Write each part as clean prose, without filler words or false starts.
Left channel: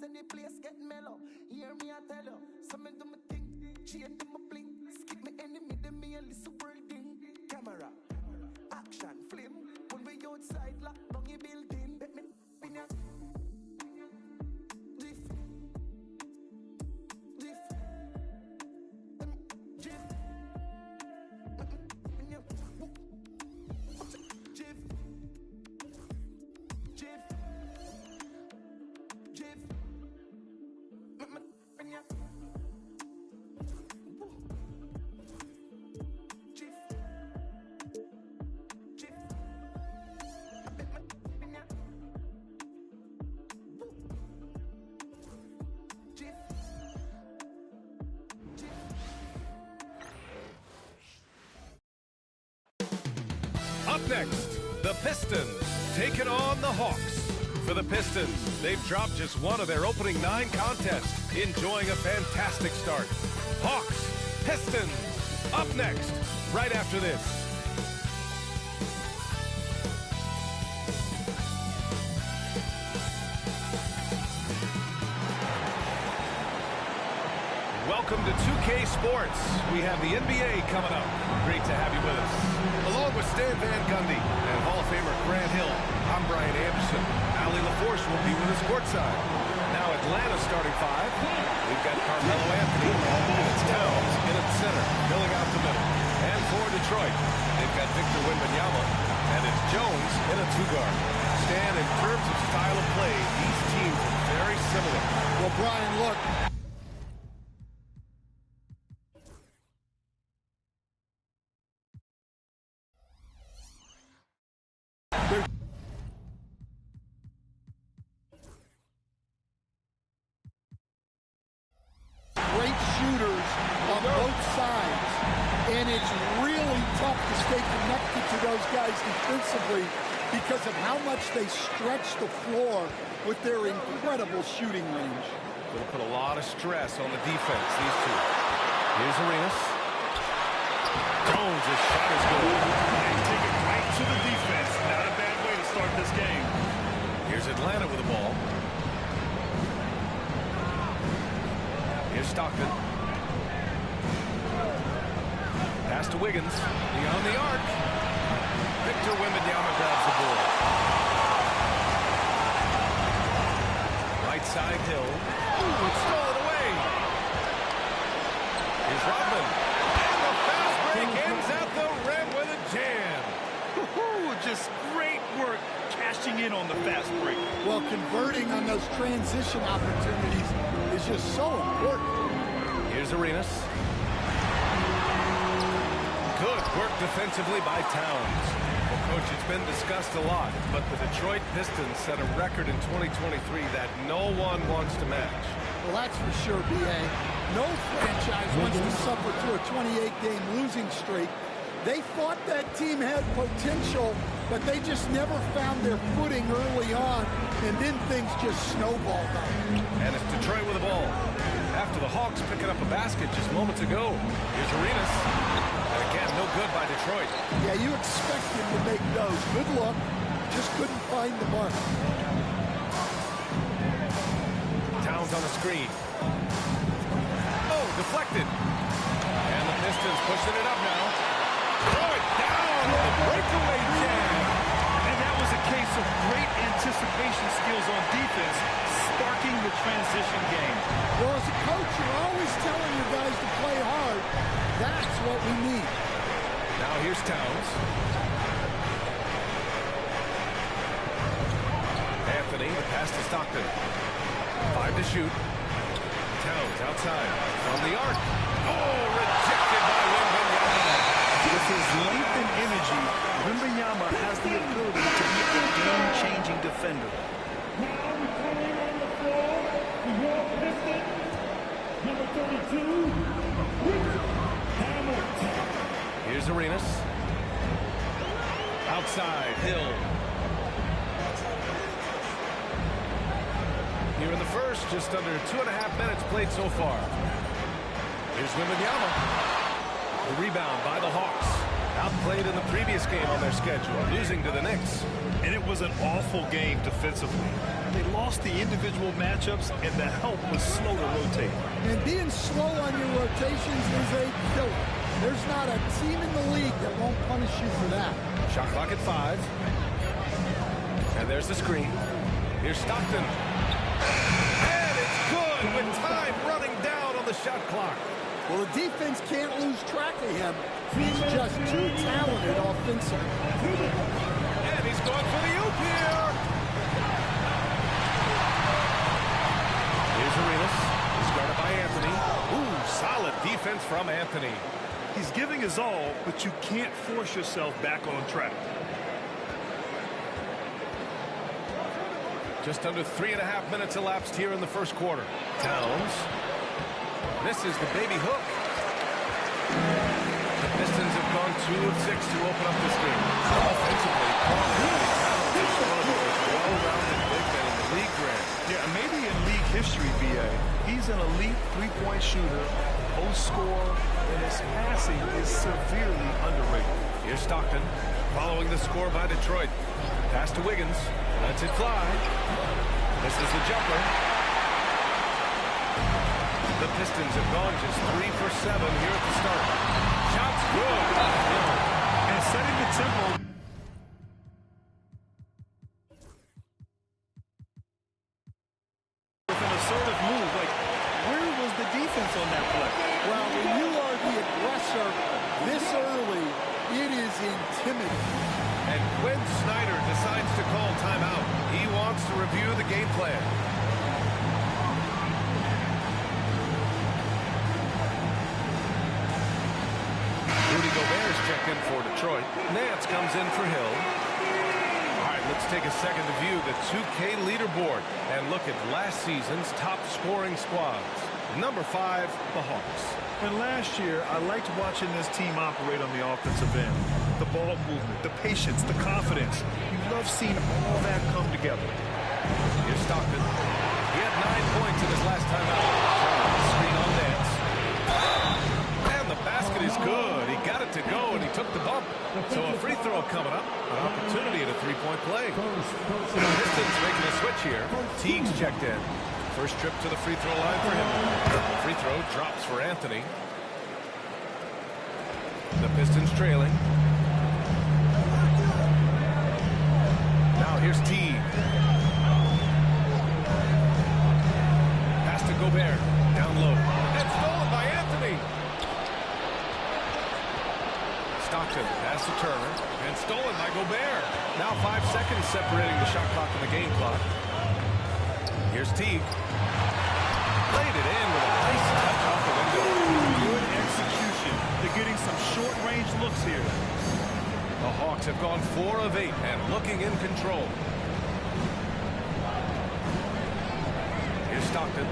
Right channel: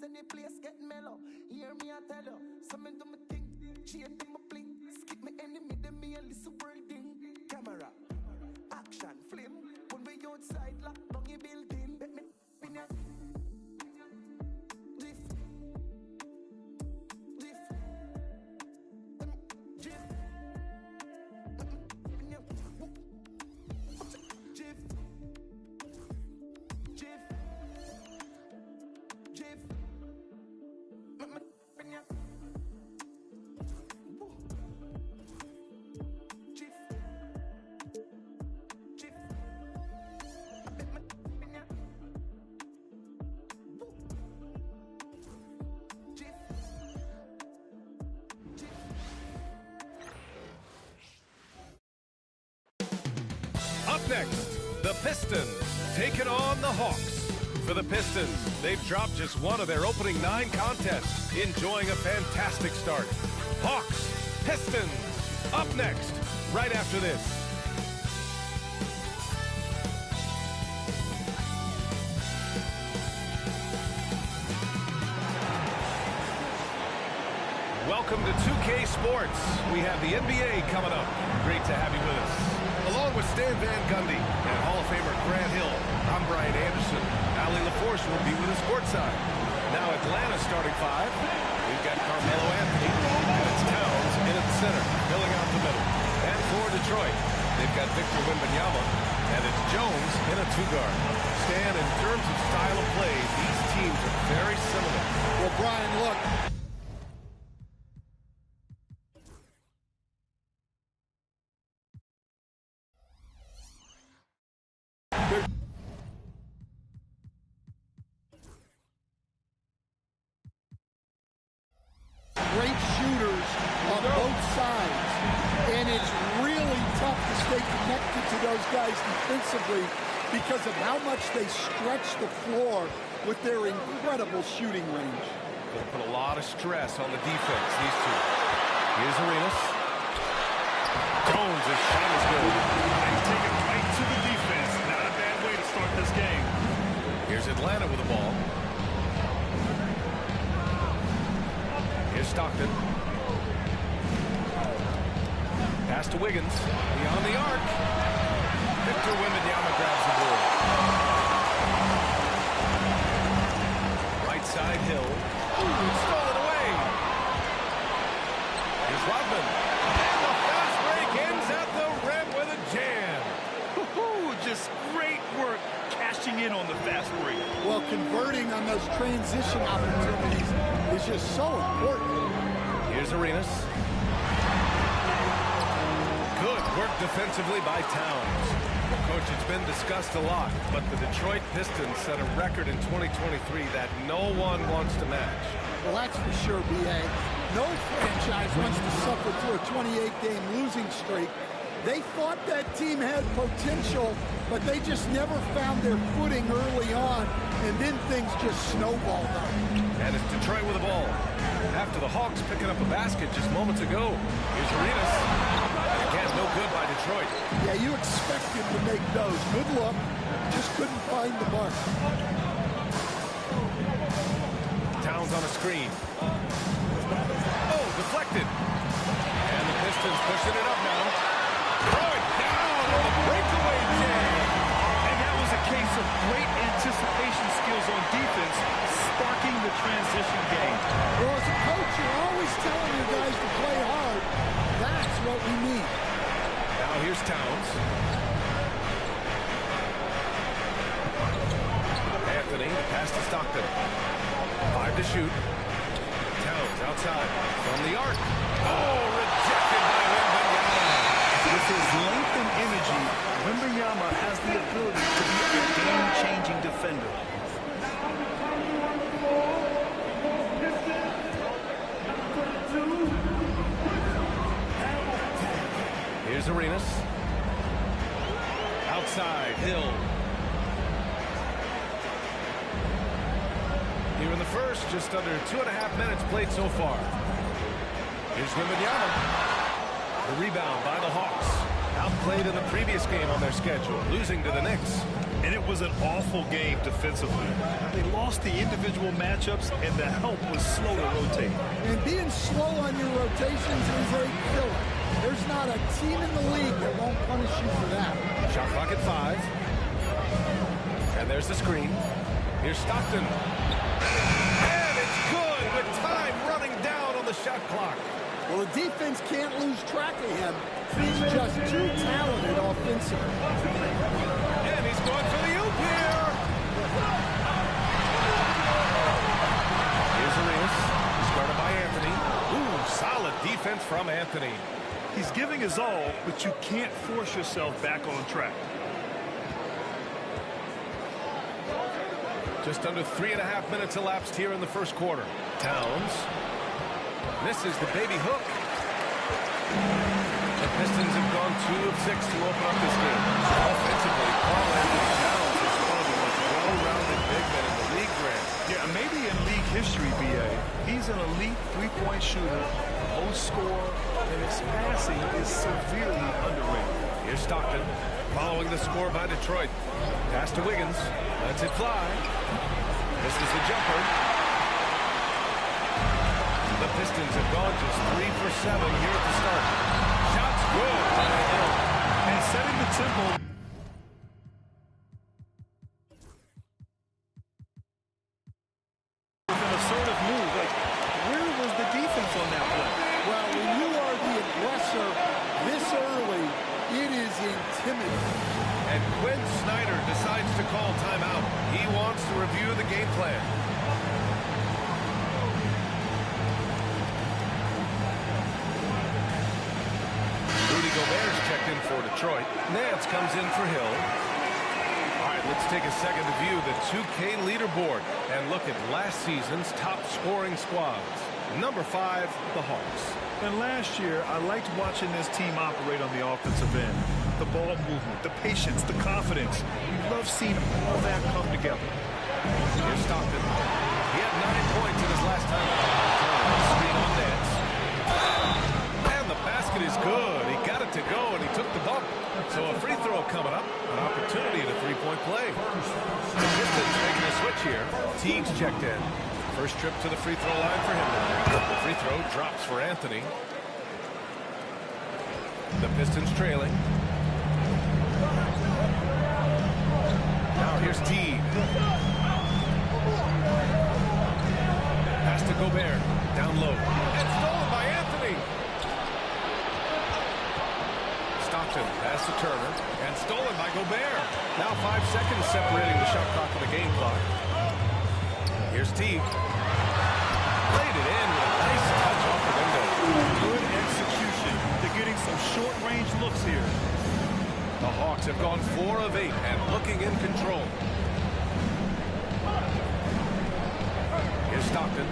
vibes and the place get mellow. Hear me, I tell you. Some do me thing, chain do me bling. Skip me enemy, them me a listen world ding. Camera, action, flame. When we outside, lock down your building. Bet me in ya. Up next, the Pistons taking on the Hawks. For the Pistons, they've dropped just one of their opening 9 contests, enjoying a fantastic start. Hawks, Pistons, up next, right after this. Welcome to 2K Sports. We have the NBA coming up. Great to have you with us. Along with Stan Van Gundy and Hall of Famer Grant Hill, I'm Brian Anderson. Ali LaForce will be with us courtside. Now Atlanta starting 5. We've got Carmelo Anthony, and it's Towns in at the center, filling out the middle. And for Detroit, they've got Victor Wembanyama, and it's Jones in a 2-guard. Stan, in terms of style of play, these teams are very similar. Well, Brian, look. Great shooters on both sides, and it's really tough to stay connected to those guys defensively because of how much they stretch the floor with their incredible shooting range. Going to put a lot of stress on the defense, these two. Here's Arenas. Jones' shot is good. They take it right to the defense. Not a bad way to start this game. Here's Atlanta with the ball. Here's Stockton. Pass to Wiggins. Beyond the arc. Victor Wembanyama grabs the ball. Right side, Hill. Ooh, it's stolen away. Here's Rodman. And the fast break ends at the rim with a jam. Just great work cashing in on the fast break. Well, converting on those transition opportunities is just so important. Here's Arenas. Good work defensively by Towns. Well, Coach, it's been discussed a lot, but the Detroit Pistons set a record in 2023 that no one wants to match. Well, that's for sure, B.A. No franchise wants to suffer through a 28-game losing streak. They thought that team had potential, but they just never found their footing early on, and then things just snowballed up. And it's Detroit with the ball. After the Hawks picking up a basket just moments ago. Here's Arenas. And again, no good by Detroit. Yeah, you expect him to make those. Good luck. Just couldn't find the mark. Towns on a screen. Oh, deflected. And the Pistons pushing it up now. Throw it down on the breakaway jam. And that was a case of great anticipation skills on defense, sparking the transition game. Well, as a coach, you're always telling your guys to play hard. That's what we need. Now here's Towns. Anthony, the pass to Stockton. 5 to shoot. Towns outside from the arc. Oh, rejected by Wembanyama. With his length and energy, Wembanyama has the ability to be a game-changing defender. Now returning on the floor, the York Pistons, number 32, Hamilton. Here's Arenas. Outside, Hill. Here in the first, just under 2.5 minutes played so far. Here's Wembanyama. The rebound by the Hawks. Outplayed in the previous game on their schedule, losing to the Knicks. And it was an awful game defensively. They lost the individual matchups, and the help was slow to rotate. And being slow on your rotations is a killer. There's not a team in the league that won't punish you for that. Shot clock at 5. And there's the screen. Here's Stockton. And it's good with time running down on the shot clock. Well, the defense can't lose track of him. He's just too talented offensively. And he's going for the oop here. Here's Arenas. He's guarded by Anthony. Ooh, solid defense from Anthony. He's giving his all, but you can't force yourself back on track. Just under 3.5 minutes elapsed here in the first quarter. Towns misses the baby hook. The Pistons have gone 2 of 6 to open up this game. Offensively, Karl-Anthony Towns is one of the most well-rounded big men in the league, Grant. Yeah, maybe in league history, B.A. He's an elite three-point shooter, post scorer, and his passing is severely underrated. Here's Stockton, following the score by Detroit. Pass to Wiggins, lets it fly. Misses the jumper. The Pistons have gone just 3 for 7 here at the start. Shots good by Hill. And setting the tempo. With an assertive move, like, where was the defense on that play? Well, when you are the aggressor this early, it is intimidating. And Quinn Snyder decides to call timeout. He wants to review the game plan. Rudy Gobert's checked in for Detroit. Nance comes in for Hill. All right, let's take a second to view the 2K leaderboard and look at last season's top scoring squads. Number 5, the Hawks. And last year, I liked watching this team operate on the offensive end. The ball movement, the patience, the confidence. You love seeing all that come together. Here's Stockton. He had 9 points in his last time out. Turner, screen on Nance. And the basket is good. He got it to go, and he took the bump. So a free throw coming up. An opportunity at a three-point play. The Pistons making a switch here. Teague's checked in. First trip to the free throw line for him. The free throw drops for Anthony. The Pistons trailing. Now here's Teague. Pass to Gobert. Down low. And stolen by Anthony. Stockton pass to Turner. And stolen by Gobert. Now 5 seconds separating the shot clock and the game clock. Here's Teague. Played it in with a nice touch off the window. Good execution. They're getting some short-range looks here. The Hawks have gone 4 of 8 and looking in control. Here's Stockton.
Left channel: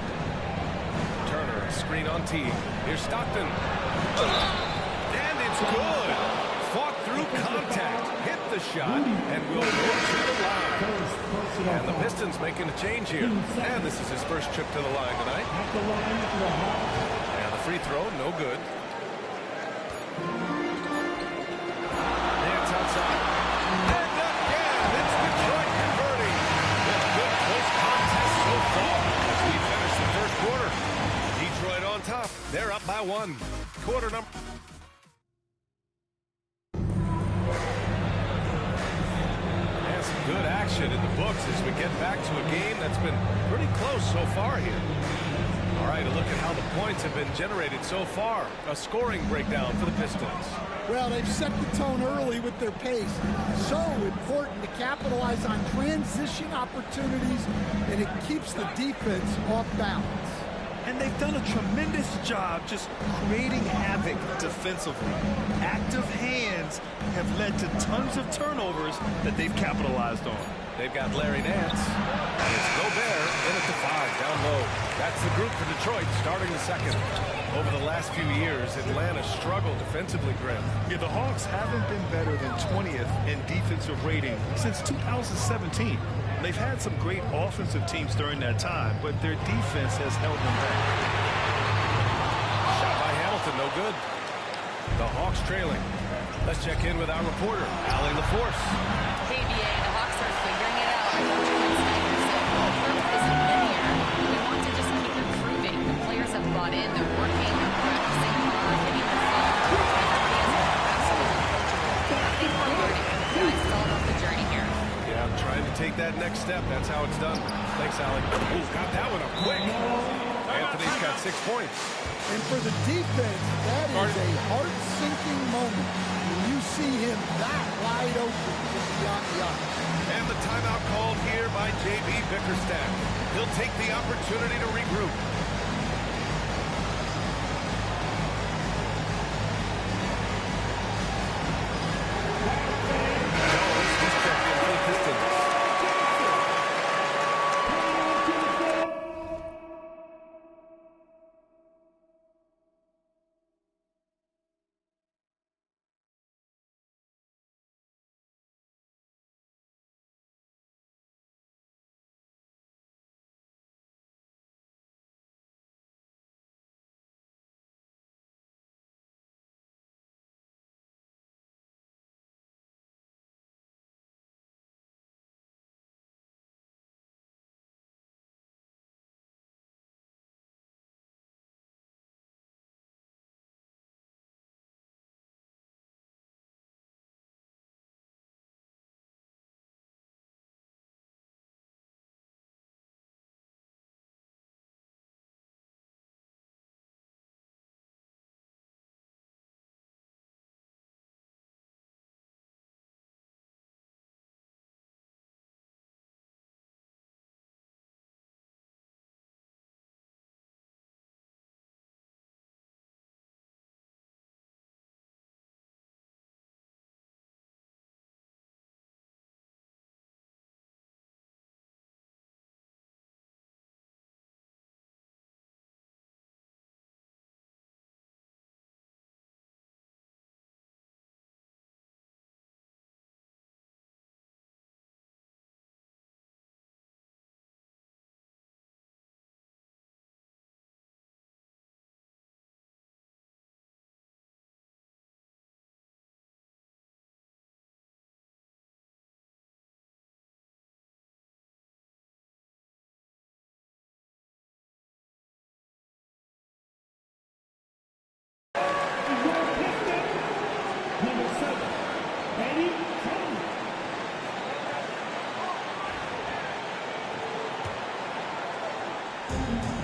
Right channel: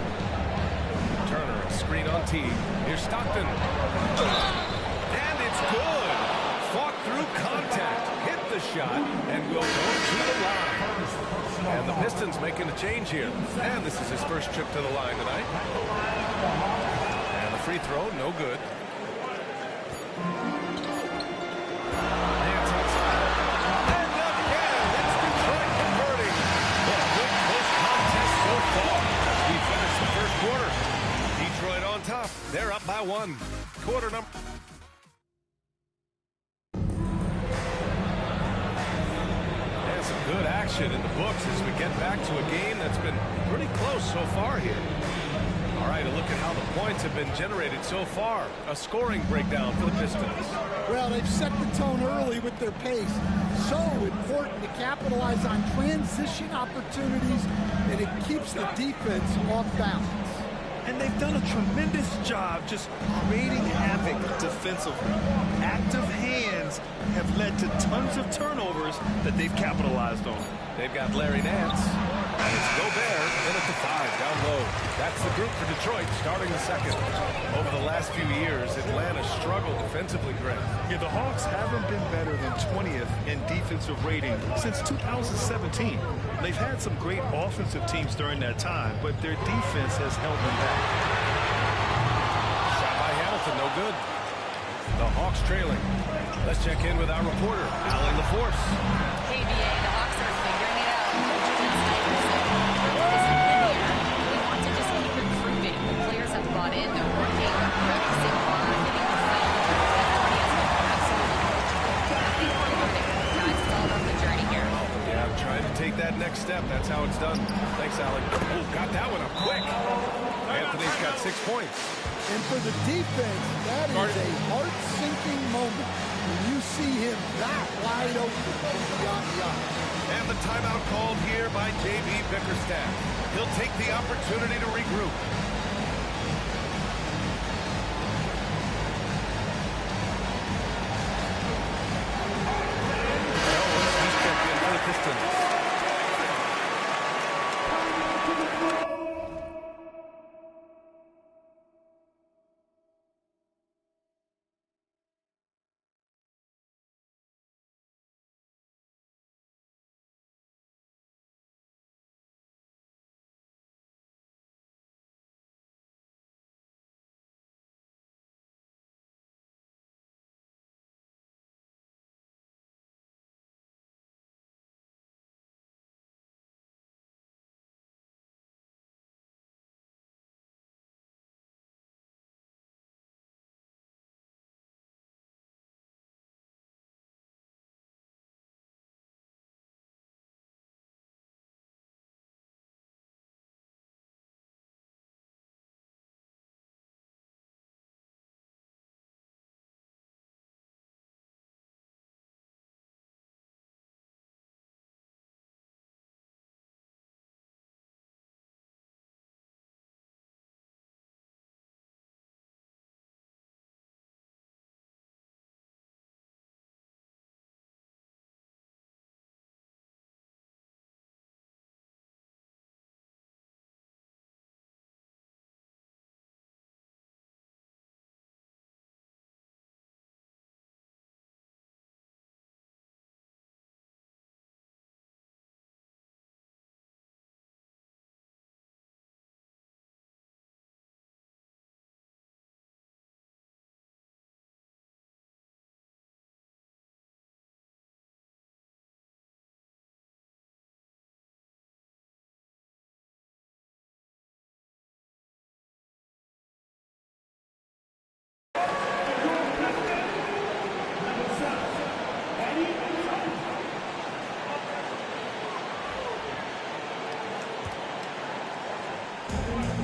Turner, a screen on Teague. Here's Stockton. And it's good. Fought through contact, hit the shot, and will go to the line. And the Pistons making a change here. And this is his first trip to the line tonight. And the free throw, no good. Nance outside. And again, it's Detroit converting. Well, a good close contest so far as we finish the first quarter. Detroit on top. They're up by 1. Quarter number. Some good action in the books as we get back to a game that's been pretty close so far here. All right, a look at how the points have been generated so far. A scoring breakdown for the Pistons. Well, they've set the tone early with their pace. So important to capitalize on transition opportunities, and it keeps the defense off balance. And they've done a tremendous job just creating havoc defensively. Active hands have led to tons of turnovers that they've capitalized on. They've got Larry Nance. And it's Gobert in at the 5, down low. That's the group for Detroit starting the second. Over the last few years, Atlanta struggled defensively, Grant. Yeah, the Hawks haven't been better than 20th in defensive rating since 2017. They've had some great offensive teams during that time, but their defense has held them back. Shot by Hamilton, no good. The Hawks trailing. Let's check in with our reporter, Allie LaForce. Hey, BA, the Hawks are figuring it out. Coach Quinn Snyder said growth isn't linear. We want to just keep improving. The players have bought in. They're working. They're practicing hard, hitting the film. Everybody has been absolutely coachable. I think we're learning. Guys, it's all about the journey here. Yeah, I'm trying to take that next step. That's how it's done. Thanks, Allie. Oh, got that one up quick. Anthony's got 6 points. And for the defense, that is a heart-sinking moment when you see him that wide open from beyond the arc. And the timeout called here by J.B. Bickerstaff. He'll take the opportunity to regroup. Jones, he's checked in for the Pistons.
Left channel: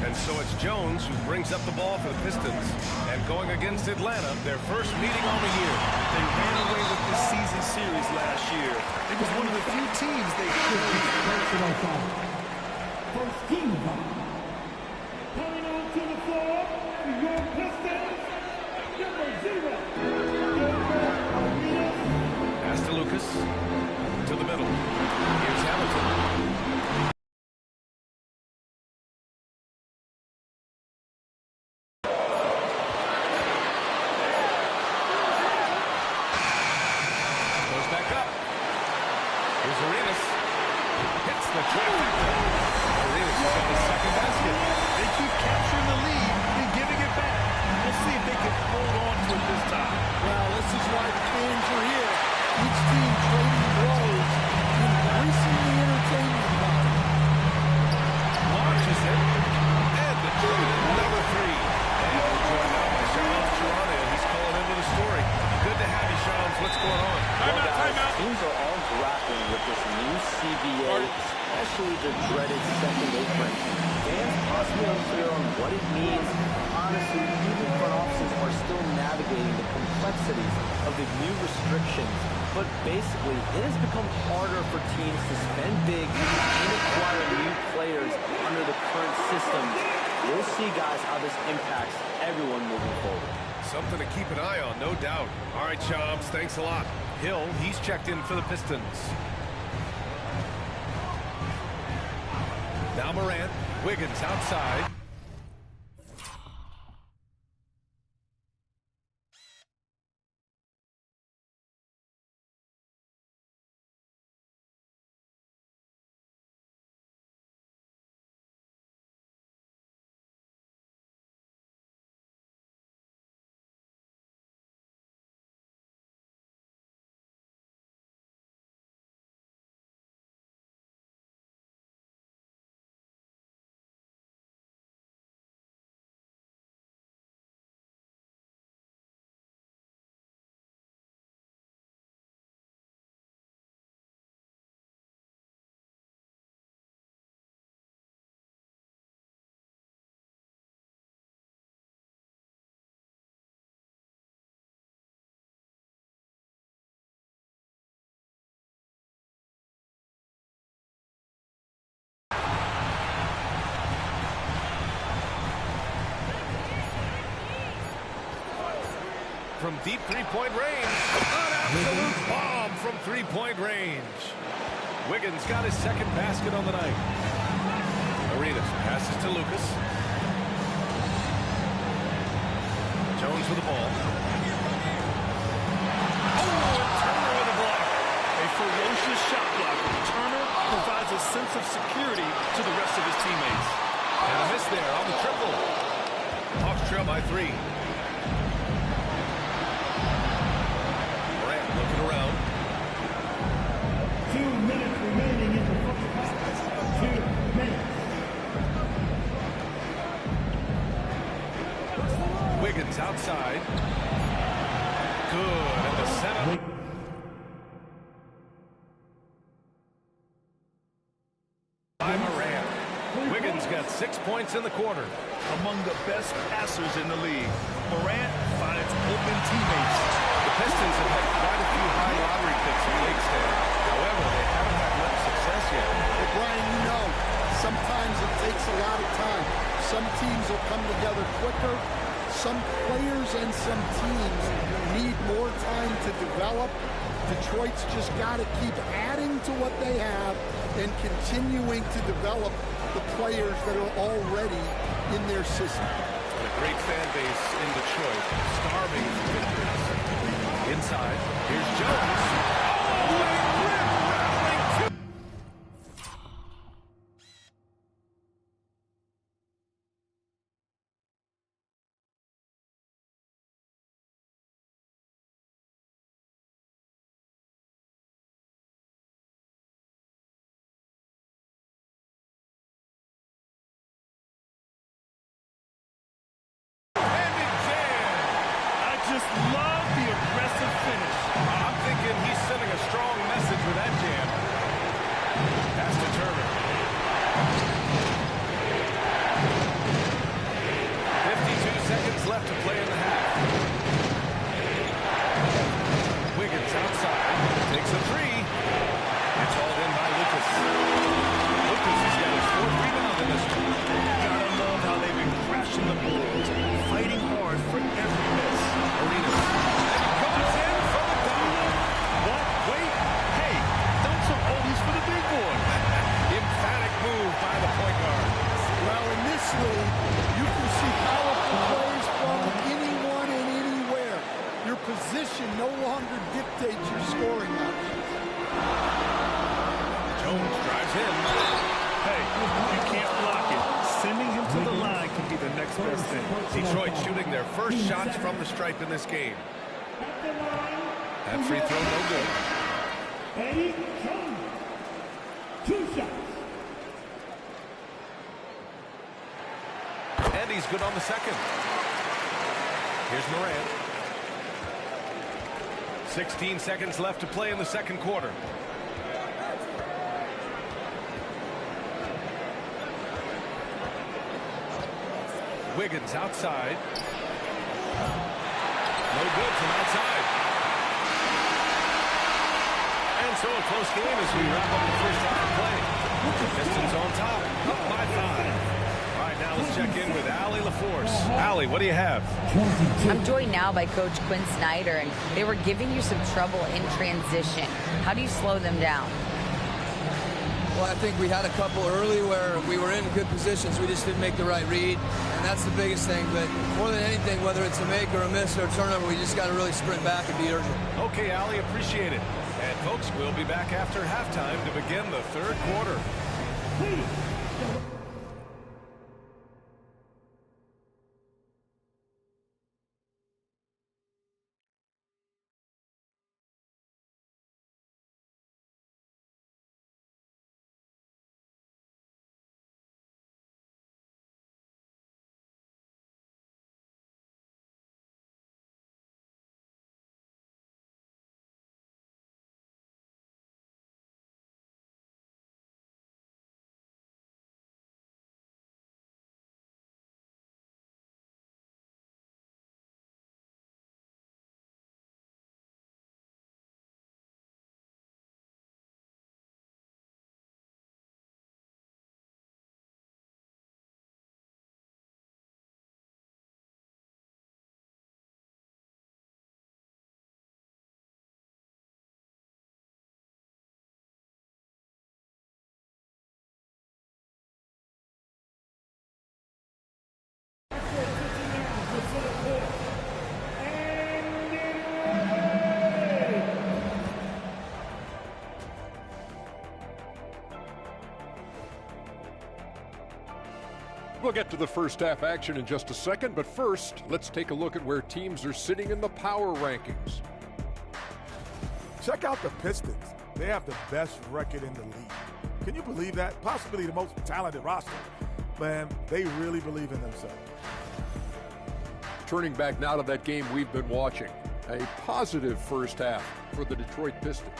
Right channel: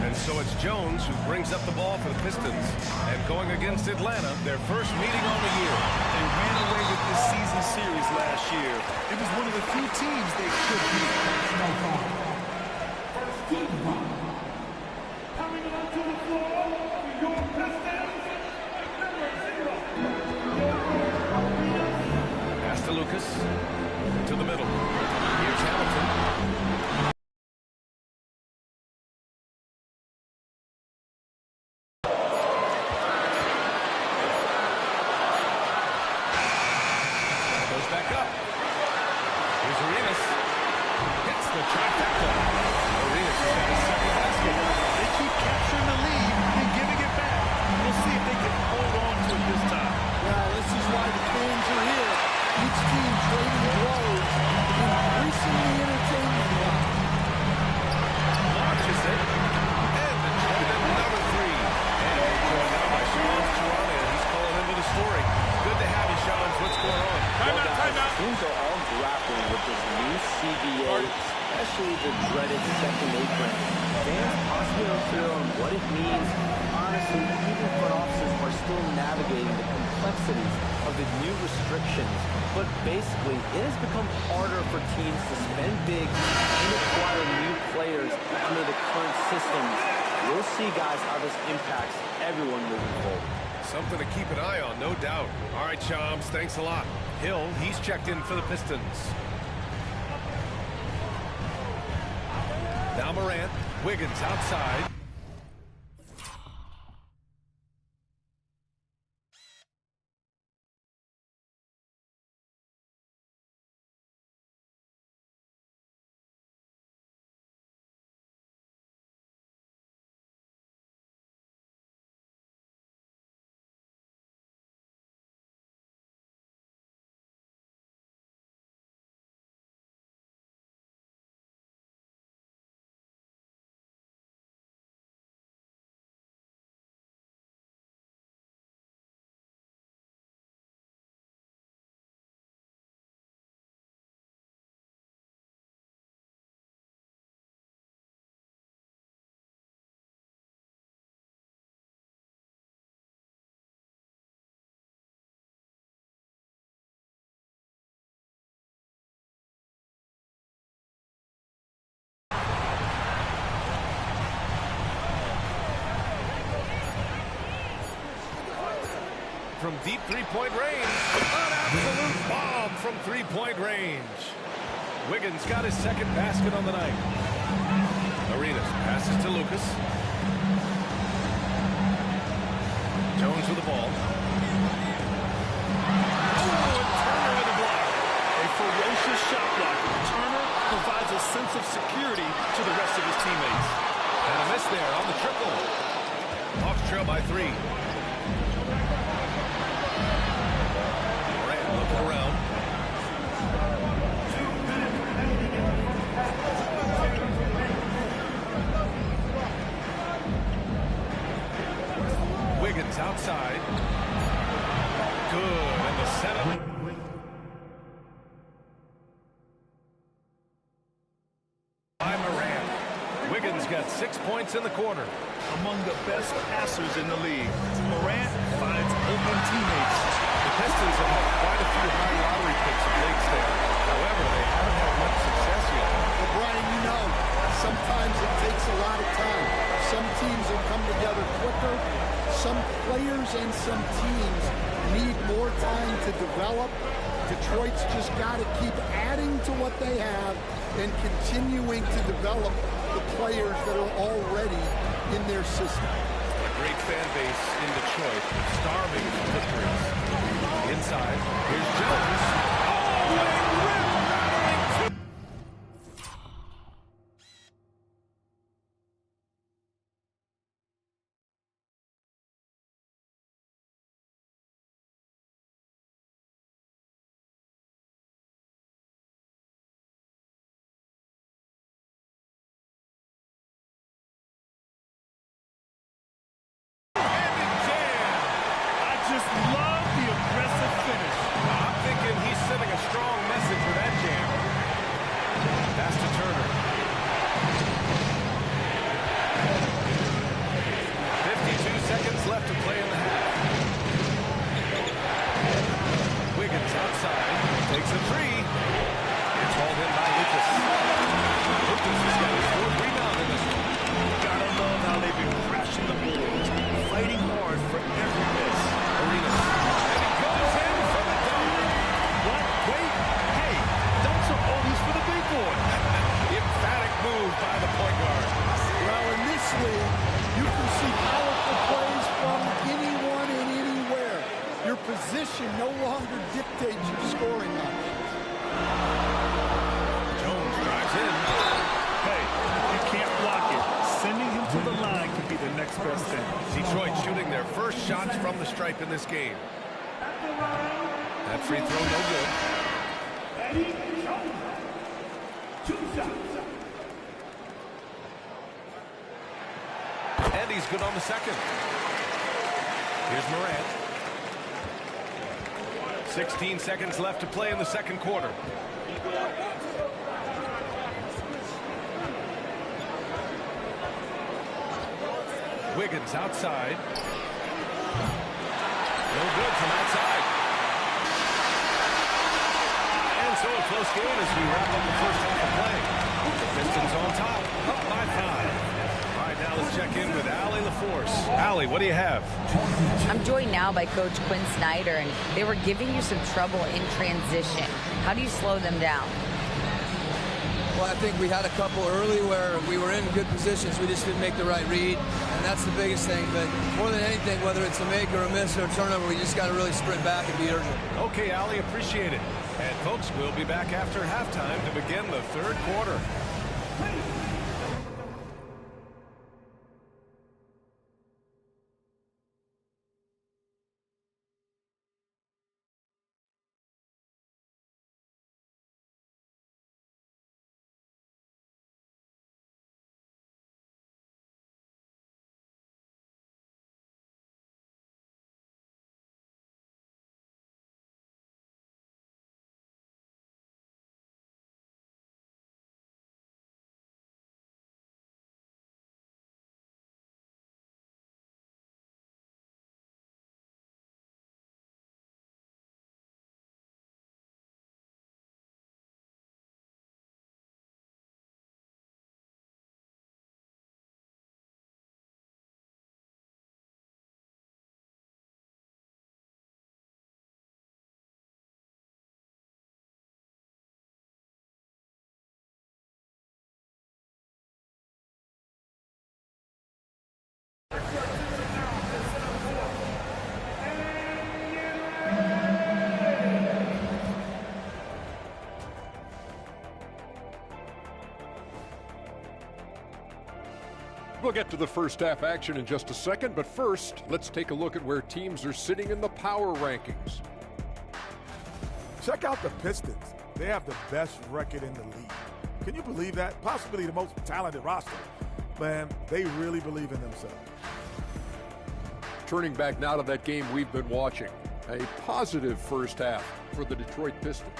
And so it's Jones who brings up the ball for the Pistons. And going against Atlanta, their first meeting on the year. They ran away with this season series last year. It was one of the few teams they could beat. First team foul. Coming onto the floor, your Pistons, number 0. Pass to Lucas. To the middle. Here's Hamilton. Goes back up. Here's Arenas. Hits the trifecta. Arenas has got his second basket. They keep capturing the lead and giving it back. We'll see if they can hold on to it this time. Well, this is why the fans are here. Each team trading blows, increasing the entertainment value. Launches it. And Detroit another three. And we're joined now by Shams Charania. He's calling in with a story. Good to have you, Shams. What's going on? Timeout. Teams are all grappling with this new CBA, especially the dreaded second apron. Fans possibly unclear on what it means. Honestly, even front offices are still navigating the complexities of the new restrictions. But basically, it has become harder for teams to spend big and acquire new players under the current systems. We'll see, guys, how this impacts everyone moving forward. Something to keep an eye on, no doubt. All right, Shams, thanks a lot. Hill, he's checked in for the Pistons. Now Morant, Wiggins outside. from deep three-point range. An absolute bomb from three-point range. Wiggins got his second basket on the night. Arenas passes to Lucas. Jones with the ball. Oh, and Turner with a block. A ferocious shot blocker. Turner provides a sense of security to the rest of his teammates. And a miss there on the triple. Hawks trail by 3. Morant looking around. 2 minutes remaining in the first half. 2 minutes. Wiggins outside. Good, and the setup. By Morant. Wiggins got 6 points in the quarter. Among the best passers in the league, Morant finds open teammates. The Pistons have had quite a few high lottery picks of late, Stan. However, they haven't had much success yet. Well, Brian, you know, sometimes it takes a lot of time. Some teams will come together quicker. Some players and some teams need more time to develop. Detroit's just got to keep adding to what they have and continuing to develop the players that are already in their system. And a great fan base in Detroit, starving for victories. Inside, here's Jones. Oh, a rim-rattling two. Just love the aggressive finish. I'm thinking he's sending a strong message with that jam. Pass to Turner. 52 seconds left to play in the half. Wiggins outside. Takes a three. It's hauled in by Lucas. Lucas has got his 4th rebound in this one. Gotta love how they've been crashing the boards, fighting hard for every miss. Arenas. And he goes in for the dunk. What? Wait. Hey, dunks are always for the big boys. Emphatic move by the point guard. Well, in this league, you can see powerful plays from anyone and anywhere. Your position no longer dictates your scoring options. Jones drives in. Hey, if you can't block it, sending him to the line can be the next best thing. Detroit shooting their first shots from the stripe in this game. That free throw no good. Eddie Jones. 2 shots. And he's good on the second. Here's Morant. 16 seconds left to play in the second quarter. Wiggins outside. No good from outside. And so a close game as we wrap up the first half of play. The Pistons on top, up by 5. All right, now let's check in with Allie LaForce. Allie, what do you have? I'm joined now by Coach Quinn Snyder, and they were giving you some trouble in transition. How do you slow them down? Well, I think we had a couple early where we were in good positions. We just didn't make the right read, and that's the biggest thing. But more than anything, whether it's a make or a miss or a turnover, we just got to really sprint back and be urgent. Okay, Allie, appreciate it. And, folks, we'll be back after halftime to begin the third quarter. Please. We'll get to the first half action in just a second, but first, let's take a look at where teams are sitting in the power rankings. Check out the Pistons. They have the best record in the league. Can you believe that? Possibly the most talented roster. Man, they really believe in themselves. Turning back now to that game we've been watching. A positive first half for the Detroit Pistons.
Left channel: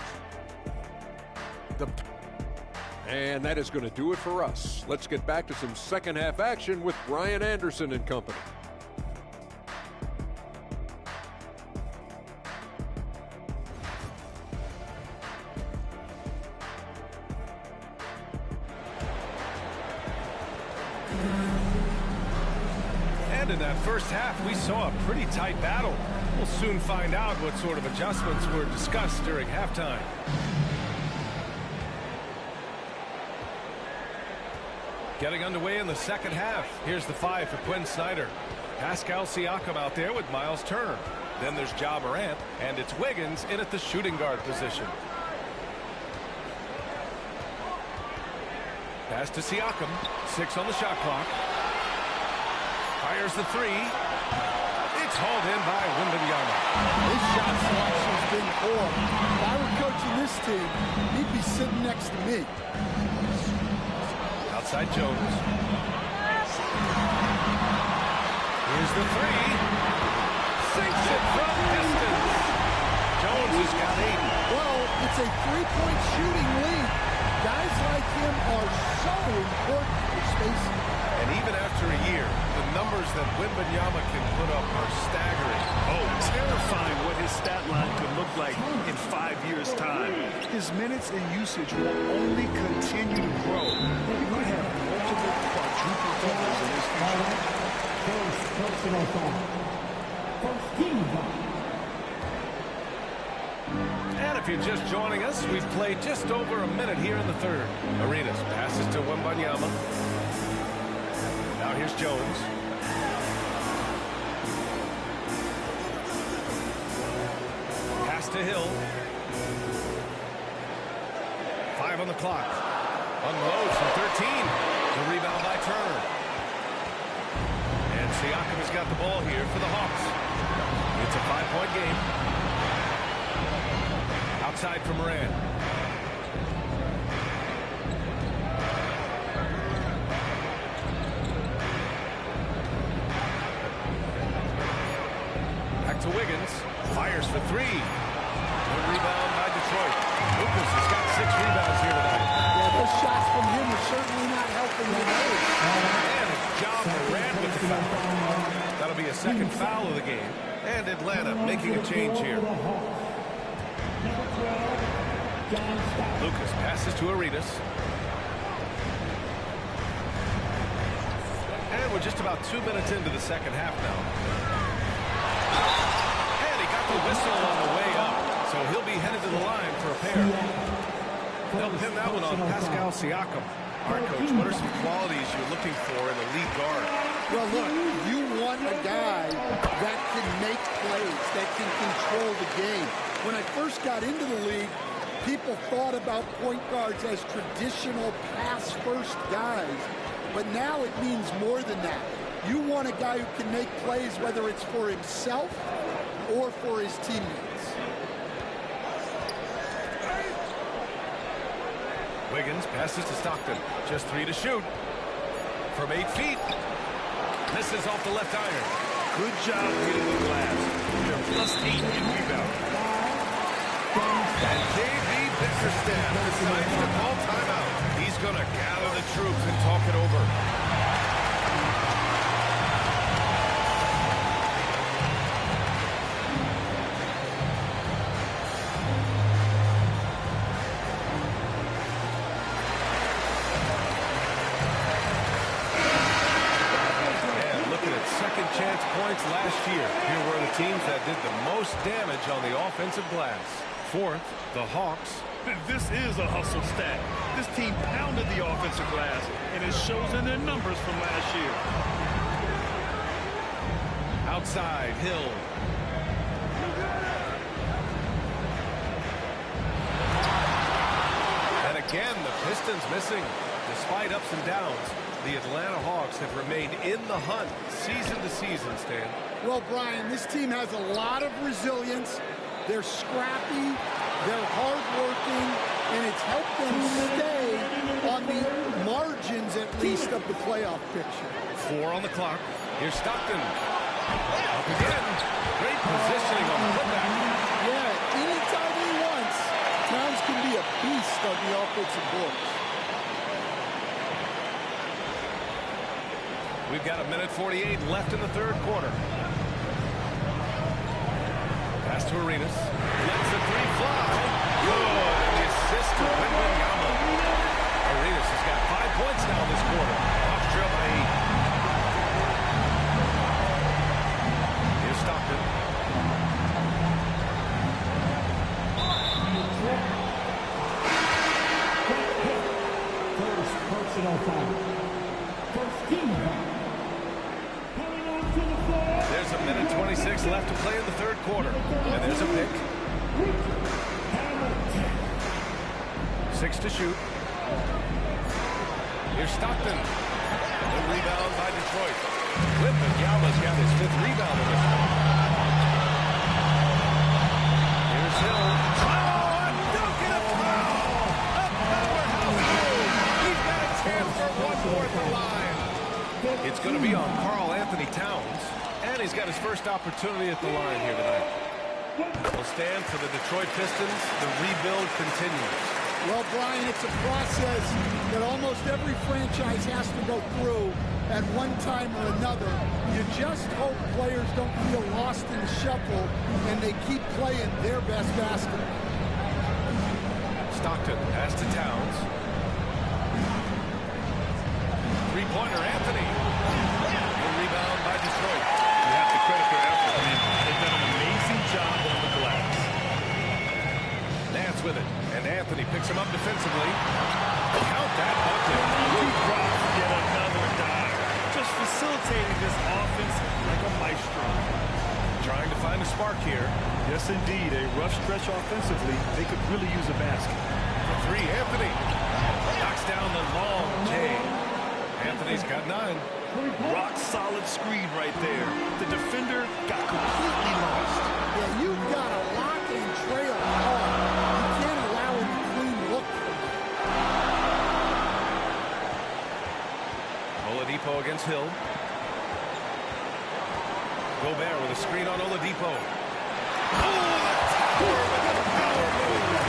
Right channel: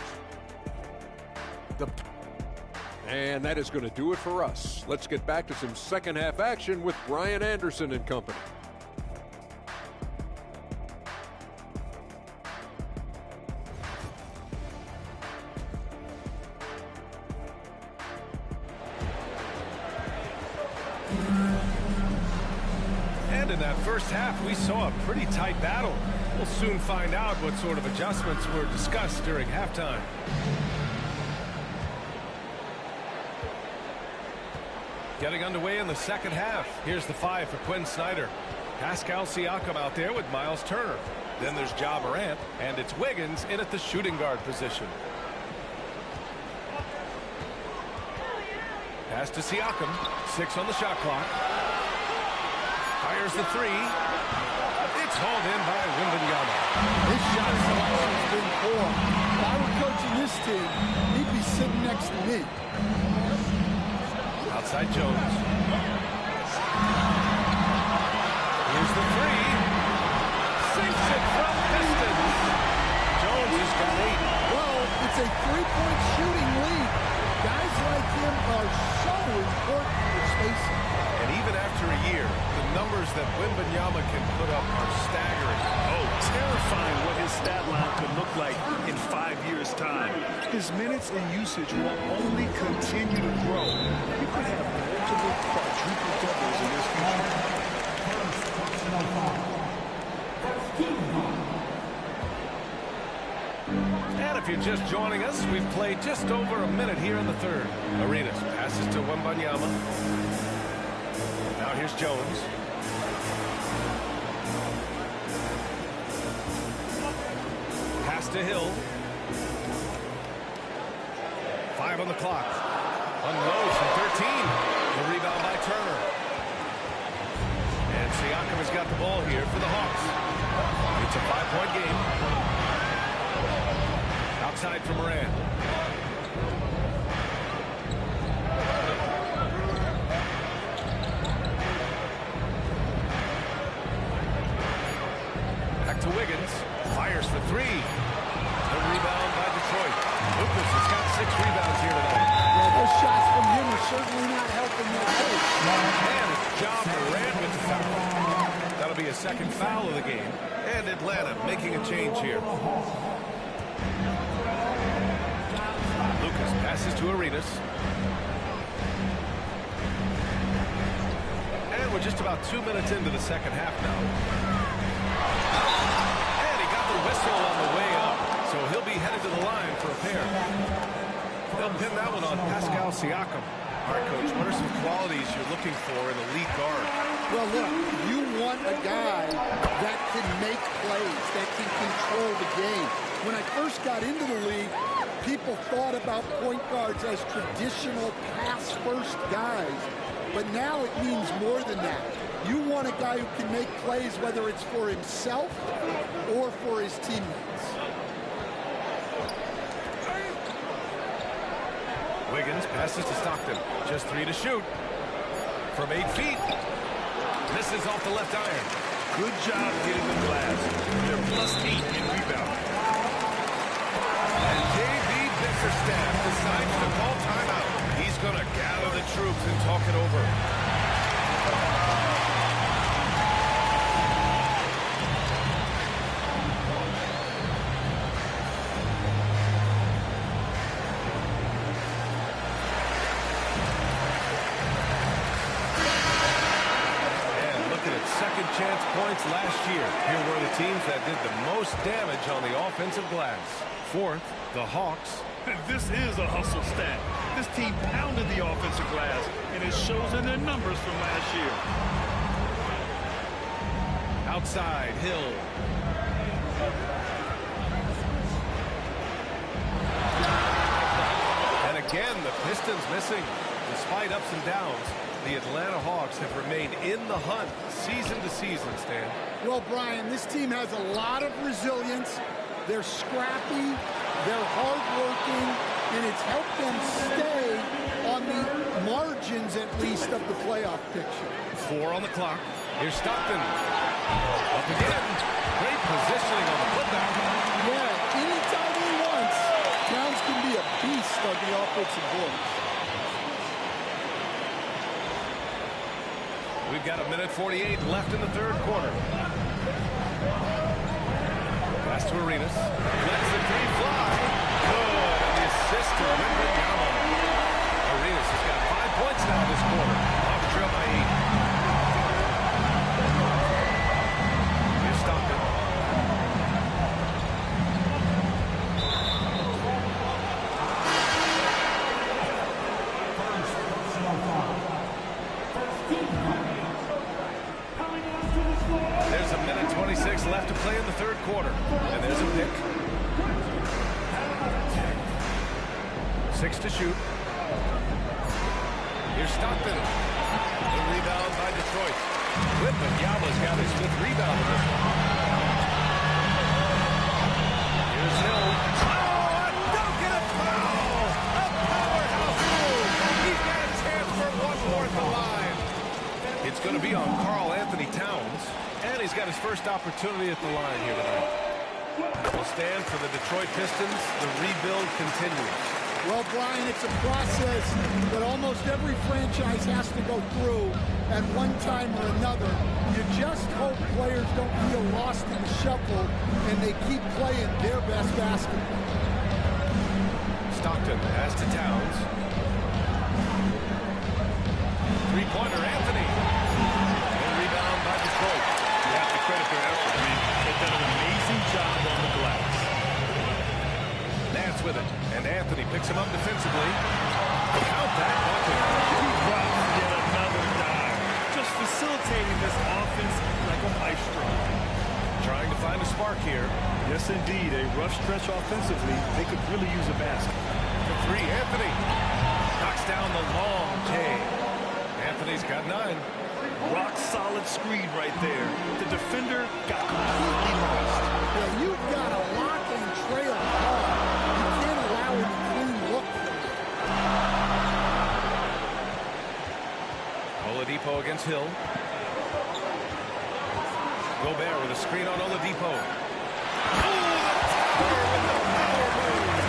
And that is going to do it for us. Let's get back to some second half action with Brian Anderson and company. And in that first half, we saw a pretty tight battle. We'll soon find out what sort of adjustments were discussed during halftime. Getting underway in the second half. Here's the 5 for Quinn Snyder. Pascal Siakam out there with Miles Turner. Then there's Ja Morant, and it's Wiggins in at the shooting guard position. Pass to Siakam. 6 on the shot clock. Fires the 3. It's hauled in by Wembanyama. His shot selection's been poor. If I were coaching this team, he'd be sitting next to me. Outside Jones. Here's the 3. Sinks it from distance. Jones has got 8. Well, it's a three-point shooting lead. Guys like him are so important for spacing. And even after a year, the numbers that Wembanyama can put up are staggering. Oh, terrifying what his stat line could look like in 5 years' time. His minutes and usage will only continue to grow. He could have multiple quadruple doubles in his future. First personal foul. First team foul. And if you're just joining us, we've played just over a minute here in the third. Arenas passes to Wembanyama. Now here's Jones. Pass to Hill. 5 on the clock. Unloads from 13. The rebound by Turner. And Siakam has got the ball here for the Hawks. It's a 5-point game. Outside for Morant. Back to Wiggins. Fires for 3. The rebound by Detroit. Lucas has got 6 rebounds here tonight. Yeah, those shots from him are certainly not helping that team. And it's Ja Morant with the foul. That'll be a second foul of the game. And Atlanta making a change here. Lucas passes to Arenas. And we're just about 2 minutes into the second half now. And he got the whistle on the way up. So he'll be headed to the line for a pair. They'll pin that one on Pascal Siakam. All right, Coach, what are some qualities you're looking for in a lead guard? Well, look, you want a guy that can make plays, that can control the game. When I first got into the league, people thought about point guards as traditional pass-first guys. But now it means more than that. You want a guy who can make plays, whether it's for himself or for his teammates. Wiggins passes to Stockton. Just 3 to shoot. From 8 feet. Misses off the left iron. Good job hitting the glass. They're +8 in rebound. And J.B. Bickerstaff decides to call timeout. He's going to gather the troops and talk it over. Second chance points last year. Here were the teams that did the most damage on the offensive glass. Fourth, the Hawks. This is a hustle stat. This team pounded the offensive glass, and it shows in their numbers from last year. Outside, Hill. And again, the Pistons missing. Despite ups and downs, the Atlanta Hawks have remained in the hunt season to season, Stan. Well, Brian, this team has a lot of resilience. They're scrappy, they're hardworking, and it's helped them stay on the margins, at least, of the playoff picture. 4 on the clock. Here's Stockton. Up again. Great positioning on the putback. Yeah, anytime he wants, Towns can be a beast on the offensive boards. We've got 1:48 left in the third quarter. Pass to Arenas. Lets the three fly. Good. And the assist to Wembanyama. Arenas has got 5 points now this quarter. Hawks trail by 8. Here's Stockton. First personal foul. First team foul. Coming onto the floor. There's 1:26 left to play in the third quarter. And there's a pick. 6 to shoot. Here's Stockton. The rebound by Detroit. Wembanyama's got his 5th rebound in this one. Here's Hill. Oh, a dunk and a foul! A powerhouse move! He's got a chance for one more at the line. It's going to be on Karl Anthony Towns, and he's got his first opportunity at the line here tonight. Will stand for the Detroit Pistons. The rebuild continues. Well, Brian, it's a process that almost every franchise has to go through at one time or another. You just hope players don't feel lost in the shuffle and they keep playing their best basketball. Stockton has to Towns. Three-pointer, Anthony. The rebound by Detroit. You have to credit their effort. I mean, they've done an amazing job on the glass. Nance with it, and Anthony picks him up defensively. Count that bucket. He drops yet another dime. Just facilitating this offense like a maestro. Trying to find a spark here. Yes, indeed. A rough stretch offensively. They could really use a basket. For 3, Anthony. Knocks down the long J. Anthony's got 9. Rock solid screen right there. The defender got completely lost. Yeah, you've got to lock and trail hard. You can't allow him a clean look from there. Oladipo against Hill. Gobert with a screen on Oladipo. Oh, the tower with the power move.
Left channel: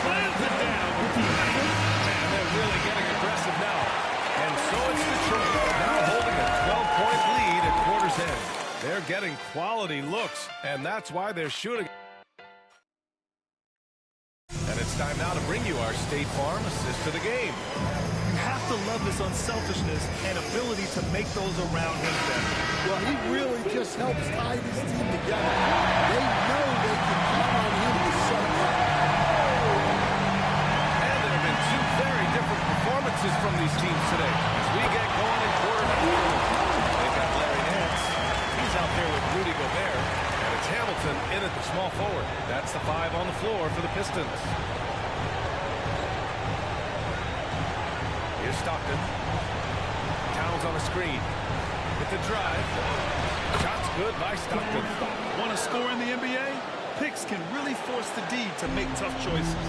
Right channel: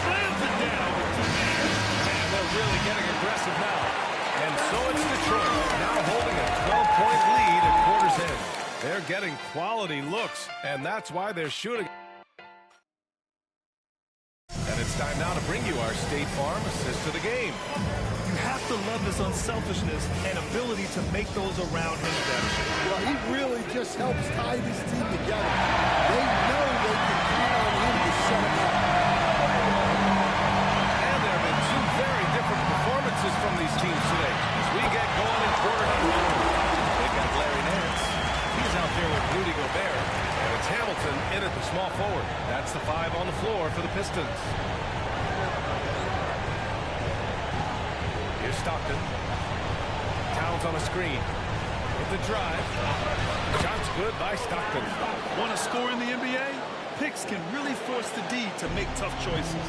Slams it down with the man. And they're really getting aggressive now. And so it's Detroit, now holding a 12-point lead at quarter's end. They're getting quality looks, and that's why they're shooting. And it's time now to bring you our State Farm assist to the game. You have to love his unselfishness and ability to make those around him better. Well, he really just helps tie this team together. They know they can count on him to set them up. And there have been 2 very different performances from these teams today as we get going in quarter number 4. They've got Larry Nance. He's out there with Rudy Gobert. And it's Hamilton in at the small forward. That's the 5 on the floor for the Pistons. Here's Stockton. Towns on a screen. With the drive. Shots good by Stockton. Want to score in the NBA? Picks can really force the D to make tough choices.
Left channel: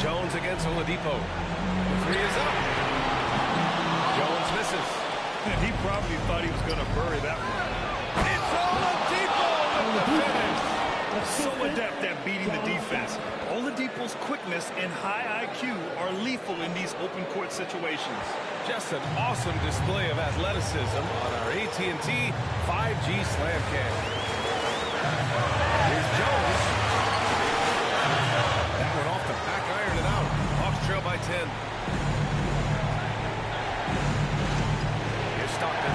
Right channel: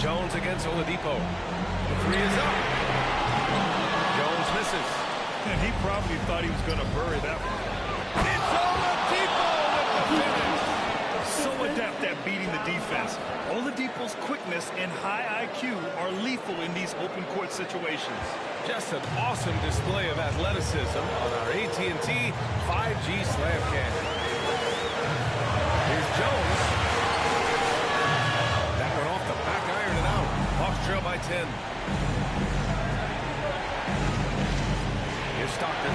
Jones against Oladipo. The 3 is up. Jones misses. And he probably thought he was going to bury that one. It's Oladipo with the finish. So adept at beating the defense. Oladipo's quickness and high IQ are lethal in these open court situations. Just an awesome display of athleticism on our AT&T 5G Slam Cam. Here's Jones. That one off the back iron and out. Hawks trail by 10. Here's Stockton.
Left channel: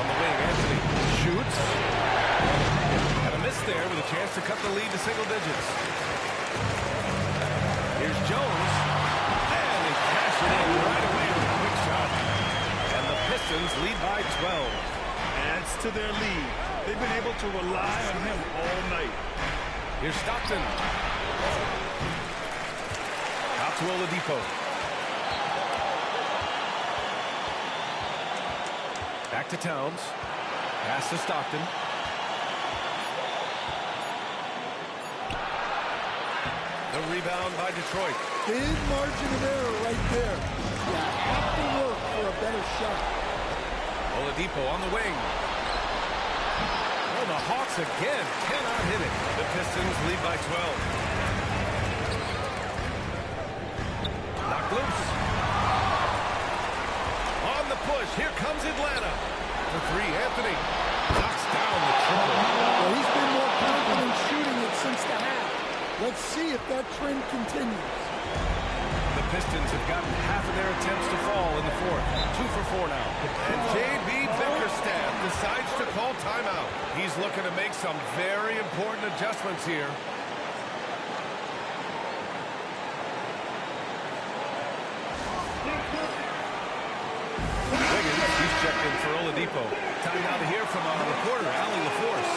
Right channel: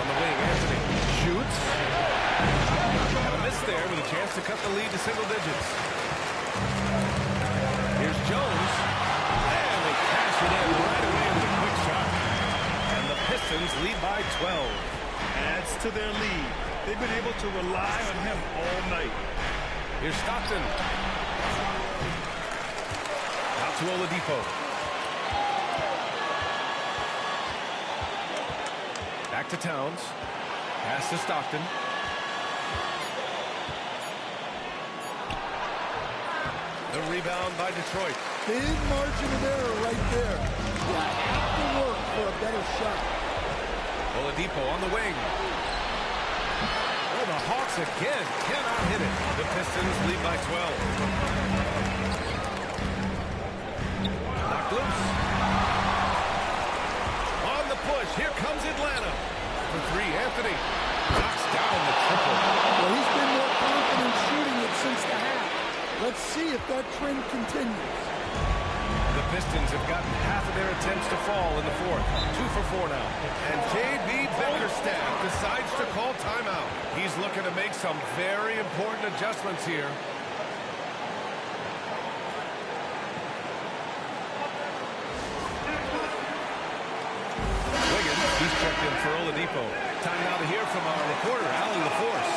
On the wing, Anthony shoots. Had a miss there with a chance to cut the lead to single digits. Here's Jones. And they cash it in right away with a quick shot. And the Pistons lead by 12. adds to their lead. They've been able to rely on him all night. Here's Stockton. Out to Oladipo. Back to Towns. Pass to Stockton. The rebound by Detroit. Big margin of error right there. You have to work for a better shot. Oladipo on the wing. Oh, the Hawks again cannot hit it. The Pistons lead by 12. Knocked loose. On the push, here comes Atlanta. For three, Anthony knocks down the triple. Well, he's been more confident shooting it since the half. Let's see if that trend continues. The Pistons have gotten half of their attempts to fall in the fourth. 2 for 4 now. And J.B. Bickerstaff decides to call timeout. He's looking to make some very important adjustments here. Wiggins, he's checked in for Oladipo. Time now to hear from our reporter, Allie LaForce.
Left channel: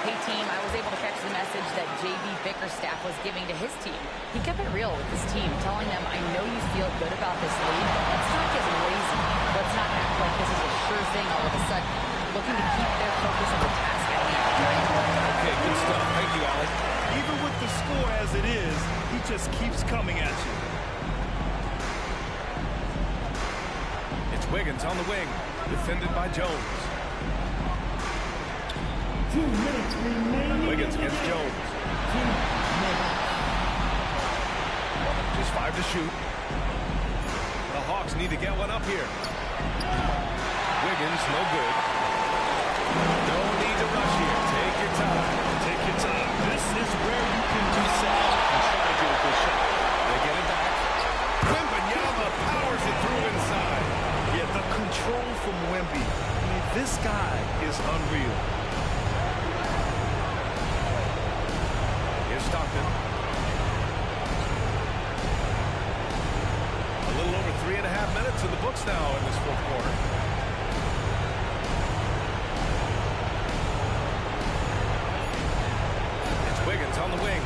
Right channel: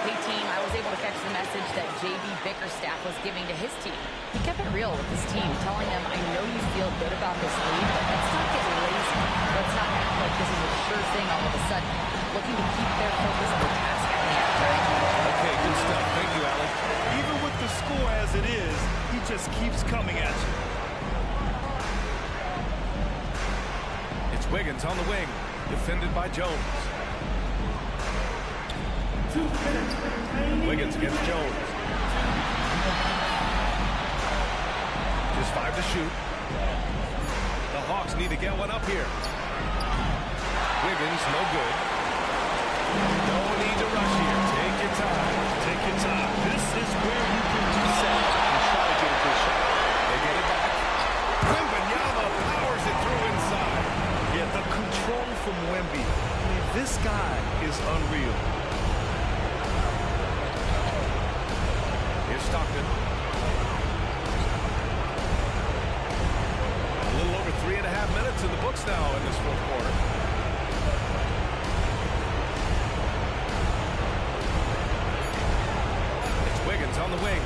Hey, team, I was able to catch the message that J.B. Bickerstaff was giving to his team. He kept it real with his team, telling them, I know you feel good about this lead, but let's not get lazy. Let's not act like this is a sure thing all of a sudden. Looking to keep their focus on the task at hand, right? Okay, good stuff. Thank you, Allie. Even with the score as it is, he just keeps coming at you. It's Wiggins on the wing, defended by Jones. 2 minutes remaining. Wiggins against Jones. Just 5 to shoot. The Hawks need to get one up here. Wiggins, no good. No need to rush here. Take your time. Take your time. This is where you can do that and try to get a good shot. They get it back. Wembanyama powers it through inside. Yeah, the control from Wemby. I mean, this guy is unreal. Here's Stockton. A little over 3.5 minutes in the books now in this fourth quarter. It's Wiggins on the wing.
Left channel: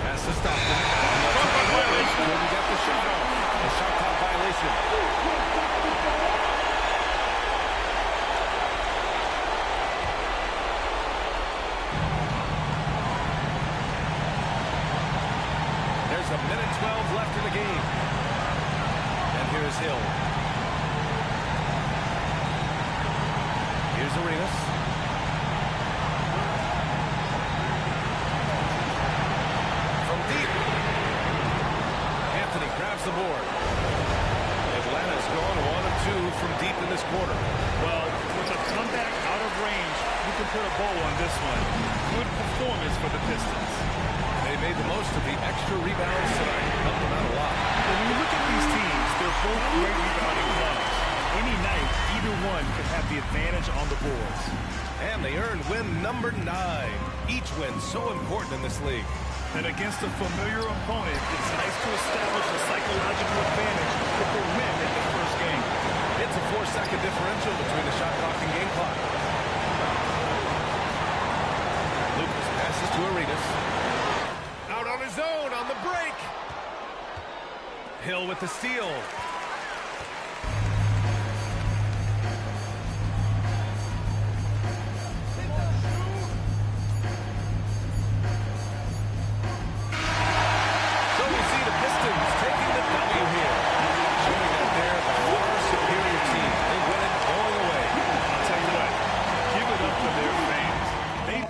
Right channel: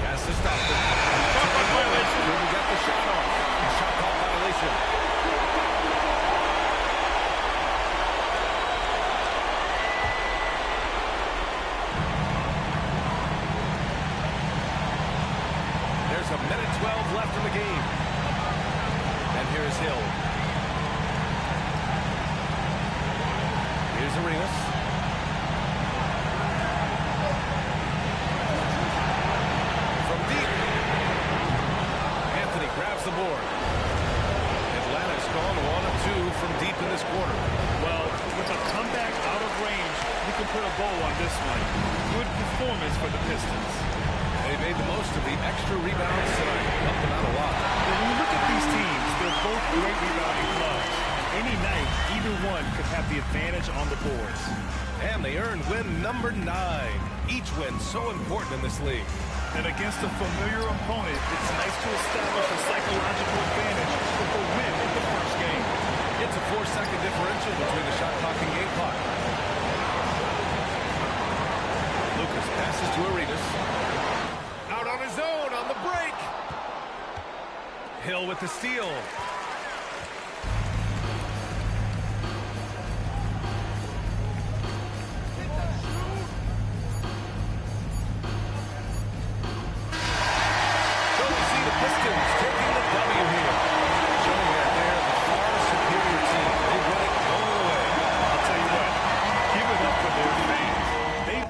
Pass to Stockton. Shot clock violation. Couldn't get the shot off. A shot clock violation. There's a minute 12 left in the game. And here's Hill. Here's Arenas. From deep. Anthony grabs the board. Atlanta's gone 1 of 2 from deep in this quarter. Well, with a comeback out of range, you can put a bow on this one. Good performance for the Pistons. They made the most of the extra rebounds tonight. Helped them out a lot. But when you look at these teams, they're both great rebounding clubs. And any night, either one could have the advantage on the boards. And they earned win number 9. Each win so important in this league. And against a familiar opponent, it's nice to establish a psychological advantage with a win in the first game. It's a 4-second differential between the shot clock and game clock. Lucas passes to Arenas. Out on his own on the break. Hill with the steal. So we see the Pistons taking the W here, showing that they're the far superior team. They win it going away. I'll tell you what, give it up for their fans. They